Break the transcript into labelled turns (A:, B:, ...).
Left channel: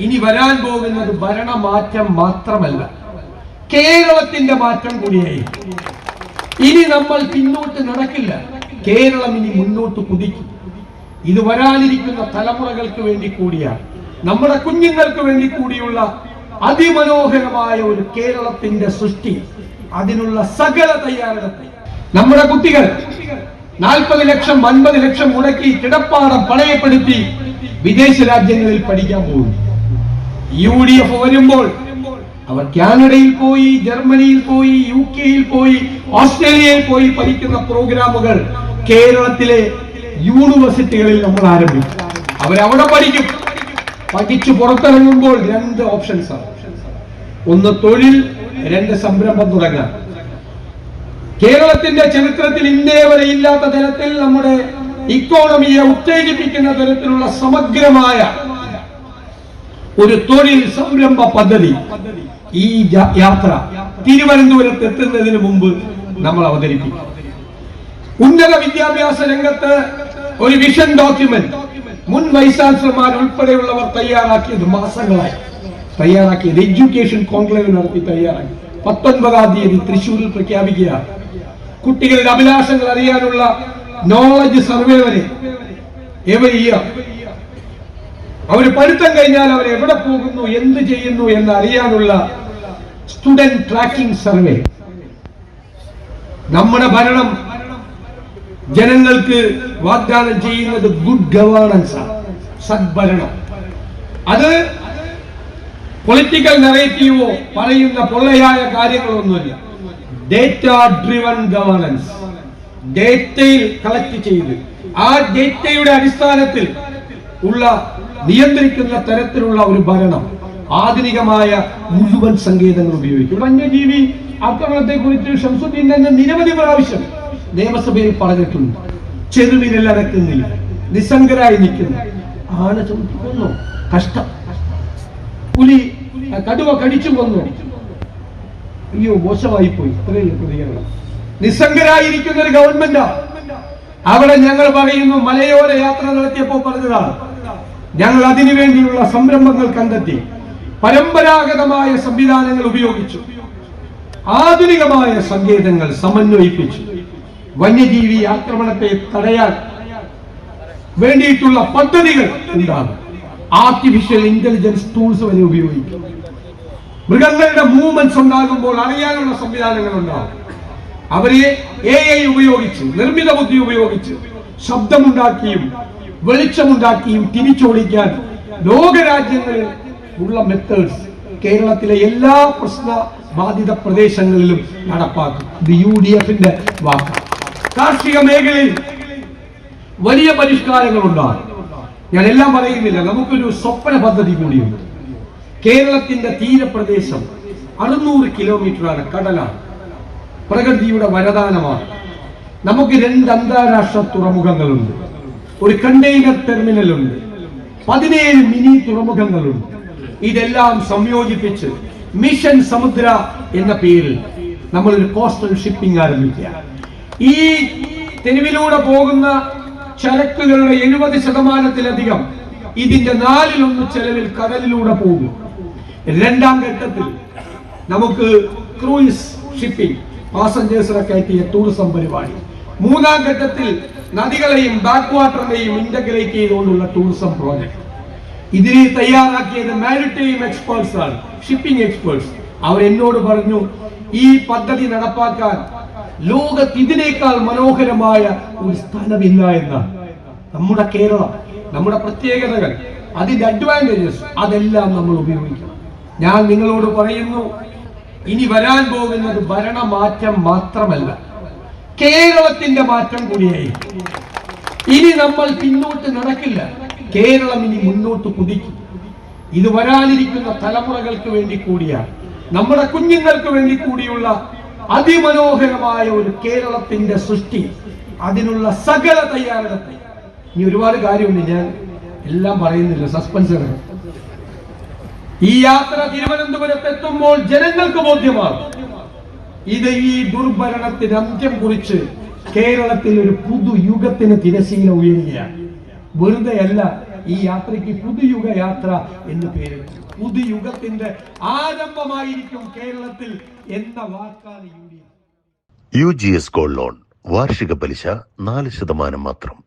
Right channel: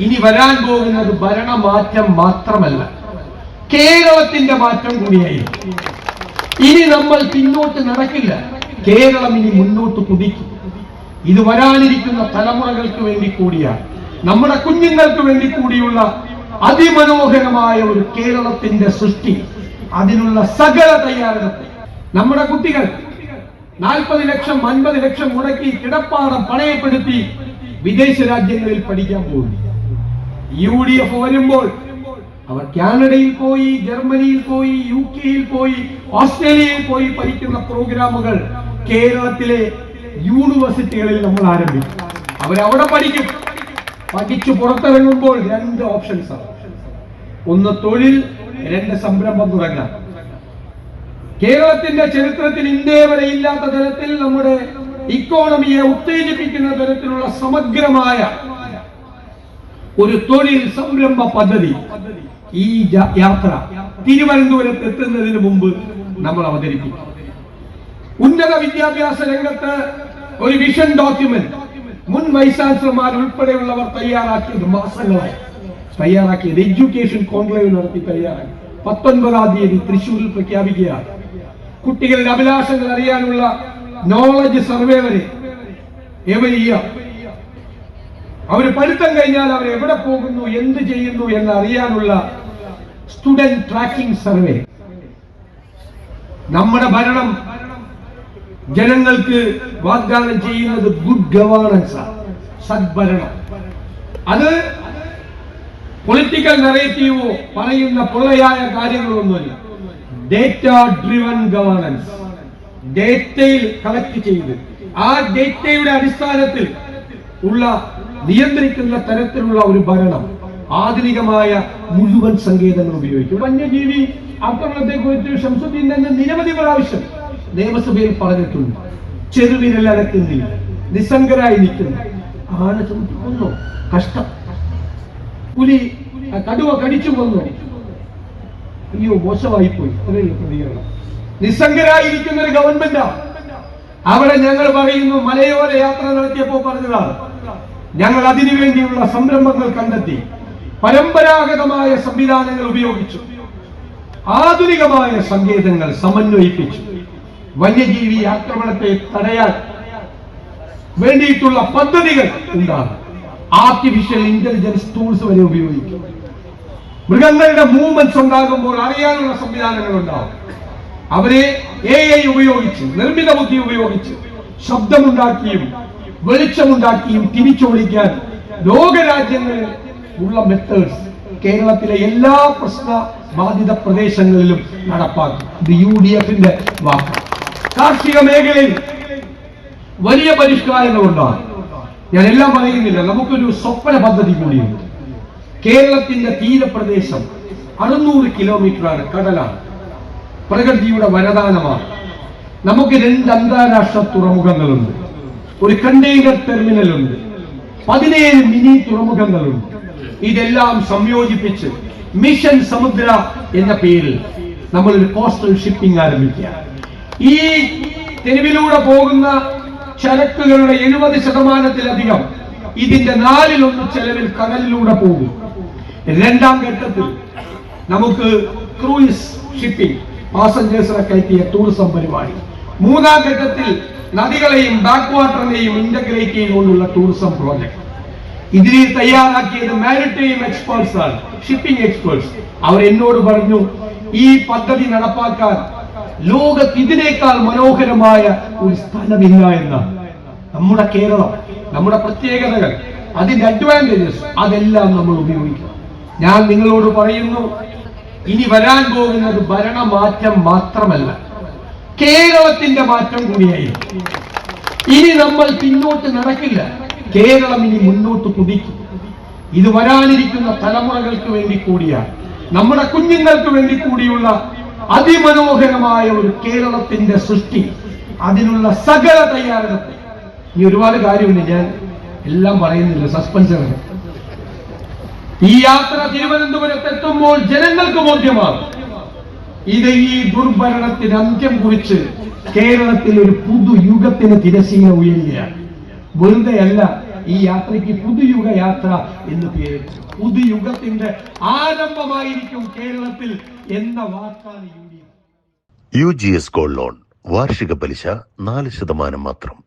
A: ഇനി വരാൻ പോകുന്നത് ഭരണമാറ്റം മാത്രമല്ല. കേരളത്തിന്റെ മാറ്റം കൂടിയായിരിക്കും. ഇനി നമ്മൾ പിന്നോട്ട് നടക്കില്ല. കേരളം ഇനി മുന്നോട്ട് കുതിക്കും. ഇത് വരാനിരിക്കുന്ന തലമുറകൾക്ക് വേണ്ടി കൂടിയാണ്. നമ്മുടെ കുഞ്ഞുങ്ങൾക്ക് വേണ്ടി കൂടിയുള്ള അതിമനോഹരമായ ഒരു കേരളത്തിന്റെ സൃഷ്ടി. അതിനുള്ള സകല തയ്യാറെടുപ്പ്. നമ്മുടെ കുട്ടികൾ നാൽപ്പത് ലക്ഷം അൻപത് ലക്ഷം മുടക്കി കിടപ്പാടം പണയപ്പെടുത്തി വിദേശ രാജ്യങ്ങളിൽ പഠിക്കാൻ പോകും യു ഡി എഫ് വരുമ്പോൾ അവർ കാനഡയിൽ പോയി ജർമ്മനിയിൽ പോയി യു കെയിൽ പോയി ഓസ്ട്രേലിയയിൽ പോയി പഠിക്കുന്ന പ്രോഗ്രാമുകൾ കേരളത്തിലെ യൂണിവേഴ്സിറ്റികളിൽ നമ്മൾ ആരംഭിക്കും. അവരവിടെ പഠിക്കും. പഠിച്ചു പുറത്തിറങ്ങുമ്പോൾ രണ്ട് ഓപ്ഷൻസ് ആണ്. ഒന്ന് തൊഴിൽ രണ്ട് സംരംഭം തുടങ്ങാം കേരളത്തിന്റെ ചരിത്രത്തിൽ ഇന്നേ വരെ ഇല്ലാത്ത തരത്തിൽ നമ്മുടെ ഇക്കോണമിയെ ഉത്തേജിപ്പിക്കുന്ന തരത്തിലുള്ള സമഗ്രമായ ഒരു തൊഴിൽ സംരംഭ പദ്ധതി ഈ യാത്ര തിരുവനന്തപുരത്ത് എത്തുന്നതിന് മുമ്പ് നമ്മൾ അവതരിപ്പിക്കും. ഉന്നത വിദ്യാഭ്യാസ രംഗത്ത് ഒരു വിഷൻ ഡോക്യുമെന്റ് മുൻ വൈസ് ചാൻസലർമാർ ഉൾപ്പെടെയുള്ളവർ തയ്യാറാക്കിയത് മാസങ്ങളായി. തയ്യാറാക്കിയത് എഡ്യൂക്കേഷൻ കോൺക്ലേവ് നടത്തി തയ്യാറാക്കി. പത്തൊൻപതാം തീയതി തൃശൂരിൽ പ്രഖ്യാപിക്കുകയാണ്. കുട്ടികളുടെ അഭിലാഷങ്ങൾ അറിയാനുള്ള നോളജ് സർവേ വരെ എവരി ഇയർ അവർ പഠിത്തം കഴിഞ്ഞാൽ അവർ എവിടെ പോകുന്നു എന്ത് ചെയ്യുന്നു എന്ന് അറിയാനുള്ള സ്റ്റുഡന്റ് ട്രാക്കിംഗ് സർവേ നമ്മുടെ ഭരണം ജനങ്ങൾക്ക് വാഗ്ദാനം ചെയ്യുന്നത് ഗുഡ് ഗവേണൻസ് ആണ് സദ്ഭരണം. അത് പൊളിറ്റിക്കൽ നെറേറ്റീവോ പറയുന്ന പൊള്ളയായ കാര്യങ്ങളൊന്നുമല്ല. ഡേറ്റ ഡ്രിവൺ ഗവേണൻസ് ഡേറ്റയിൽ കളക്ട് ചെയ്ത് ആ ഡേറ്റയുടെ അടിസ്ഥാനത്തിൽ ഉള്ള നിയന്ത്രിക്കുന്ന തരത്തിലുള്ള ഒരു ഭരണം ആധുനികമായ മുഴുവൻ സങ്കേതങ്ങൾ ഉപയോഗിക്കും. വന്യജീവി ആക്രമണത്തെ കുറിച്ച് ഷംസുദ്ദീൻ തന്നെ നിരവധി പ്രാവശ്യം നിയമസഭയിൽ പറഞ്ഞിട്ടുണ്ട്. ചെറുവിരൽ അടക്കുന്നില്ല നിസ്സംഗരായി നിൽക്കുന്നു. ചവിട്ടി കൊന്നു കഷ്ടം. പുലി കടുവ കടിച്ചു കൊന്നു. അയ്യോ മോശമായി പോയി ഇത്രയുള്ള പ്രതികരണം. നിസ്സംഗരായിരിക്കുന്ന ഒരു ഗവൺമെന്റാ. അവിടെ ഞങ്ങൾ പറയുന്നു മലയോര യാത്ര നടത്തിയപ്പോൾ പറഞ്ഞതാണ് ഞങ്ങൾ അതിനുവേണ്ടിയുള്ള സംരംഭങ്ങൾ കണ്ടെത്തി പരമ്പരാഗതമായ സംവിധാനങ്ങൾ ഉപയോഗിച്ചു. ആധുനികമായ സങ്കേതങ്ങൾ സമന്വയിപ്പിച്ചു. വന്യജീവി ആക്രമണത്തെ തടയാൻ വേണ്ടിയിട്ടുള്ള പദ്ധതികൾ ഉണ്ടാകും. ആർട്ടിഫിഷ്യൽ ഇന്റലിജൻസ് ടൂൾസ് വരെ ഉപയോഗിക്കും. മൃഗങ്ങളുടെ മൂവ്മെന്റ്സ് ഉണ്ടാകുമ്പോൾ അറിയാനുള്ള സംവിധാനങ്ങൾ ഉണ്ടാകും. അവരെ എ ഐ ഉപയോഗിച്ച് നിർമ്മിത ബുദ്ധി ഉപയോഗിച്ച് ശബ്ദമുണ്ടാക്കിയും വെളിച്ചമുണ്ടാക്കിയും തിരിച്ചോടിക്കാൻ ലോകരാജ്യങ്ങളിൽ ഉള്ള മെത്തേഡ്സ് കേരളത്തിലെ എല്ലാ പ്രശ്ന ബാധിത പ്രദേശങ്ങളിലും നടപ്പാക്കും. യു ഡി എഫിന്റെ വാക്ക്. കാർഷിക മേഖലയിൽ വലിയ പരിഷ്കാരങ്ങൾ ഉണ്ടാകും. ഞാൻ എല്ലാം പറയുന്നില്ല. നമുക്കൊരു സ്വപ്ന പദ്ധതി കൂടിയുണ്ട്. കേരളത്തിന്റെ തീരപ്രദേശം അറുന്നൂറ് കിലോമീറ്ററാണ് കടലാണ്. പ്രകൃതിയുടെ വരദാനമാണ്. നമുക്ക് രണ്ട് അന്താരാഷ്ട്ര തുറമുഖങ്ങളുണ്ട്. ഒരു കണ്ടെയ്നർ ടെർമിനൽ ഉണ്ട് പതിനേഴ് മിനി തുറമുഖങ്ങളുണ്ട്. ഇതെല്ലാം സംയോജിപ്പിച്ച് മിഷൻ സമുദ്ര എന്ന പേരിൽ നമ്മൾ ഒരു കോസ്റ്റൽ ഷിപ്പിംഗ് ആരംഭിക്കുക ഈ തെരുവിലൂടെ പോകുന്ന ചരക്കുകളുടെ എഴുപത് ശതമാനത്തിലധികം ഇതിന്റെ നാലിലൊന്ന് ചെലവിൽ കടലിലൂടെ പോകും. രണ്ടാം ഘട്ടത്തിൽ നമുക്ക് ക്രൂയിസ് ഷിപ്പിംഗ് പാസഞ്ചേഴ്സിനെ കയറ്റിയ ടൂറിസം പരിപാടി. മൂന്നാം ഘട്ടത്തിൽ നദികളെയും ബാക്ക് വാട്ടറിനെയും ഇന്റഗ്രേറ്റ് ചെയ്തുകൊണ്ടുള്ള ടൂറിസം പ്രോജക്ട് ഇതിനെ തയ്യാറാക്കിയത് മാരിടൈം എക്സ്പേർട്സ് ആണ് ഷിപ്പിംഗ് എക്സ്പേർട്സ് അവർ എന്നോട് പറഞ്ഞു ഈ പദ്ധതി നടപ്പാക്കാൻ ലോകത്ത് ഇതിനേക്കാൾ മനോഹരമായ ഒരു സ്ഥലമില്ല എന്നാണ്. നമ്മുടെ കേരളം നമ്മുടെ പ്രത്യേകതകൾ അതിന്റെ അഡ്വാന്റേജസ് അതെല്ലാം നമ്മൾ ഉപയോഗിക്കണം ഞാൻ നിങ്ങളോട് പറയുന്നു ഇനി വരാൻ പോകുന്നത് ഭരണമാറ്റം മാത്രമല്ല. കേരളത്തിന്റെ മാറ്റം കൂടിയായി ഇനി നമ്മൾ പിന്നോട്ട് നടക്കില്ല. കേരളം ഇനി മുന്നോട്ട് കുതിക്കും. ഇത് വരാനിരിക്കുന്ന തലമുറകൾക്ക് വേണ്ടി കൂടിയാണ്. നമ്മുടെ കുഞ്ഞുങ്ങൾക്ക് വേണ്ടി കൂടിയുള്ള അതിമനോഹരമായ ഒരു കേരളത്തിന്റെ സൃഷ്ടി അതിനുള്ള സകല തയ്യാറെടുപ്പ്. ഇനി ഒരുപാട് കാര്യമുണ്ട്. ഞാൻ എല്ലാം പറയുന്നില്ല. സസ്പെൻസ് ഈ യാത്ര തിരുവനന്തപുരത്ത് എത്തുമ്പോൾ ജനങ്ങൾക്ക് ബോധ്യമാകും. ഇത് ഈ ദുർഭരണത്തിന് അന്ത്യം കുറിച്ച് കേരളത്തിൽ ഒരു പുതുയുഗത്തിന് തിരശീല ഉയരുകയാണ്. വെറുതെ അല്ല ഈ യാത്രയ്ക്ക് പുതുയുഗ യാത്ര എന്ന് പേര്. പുതുയുഗത്തിന്റെ ആരംഭമായിരിക്കും കേരളത്തിൽ എന്ന വാക്കാണ് U
B: U G S gold loan വാർഷിക പലിശ നാല് ശതമാനം മാത്രം.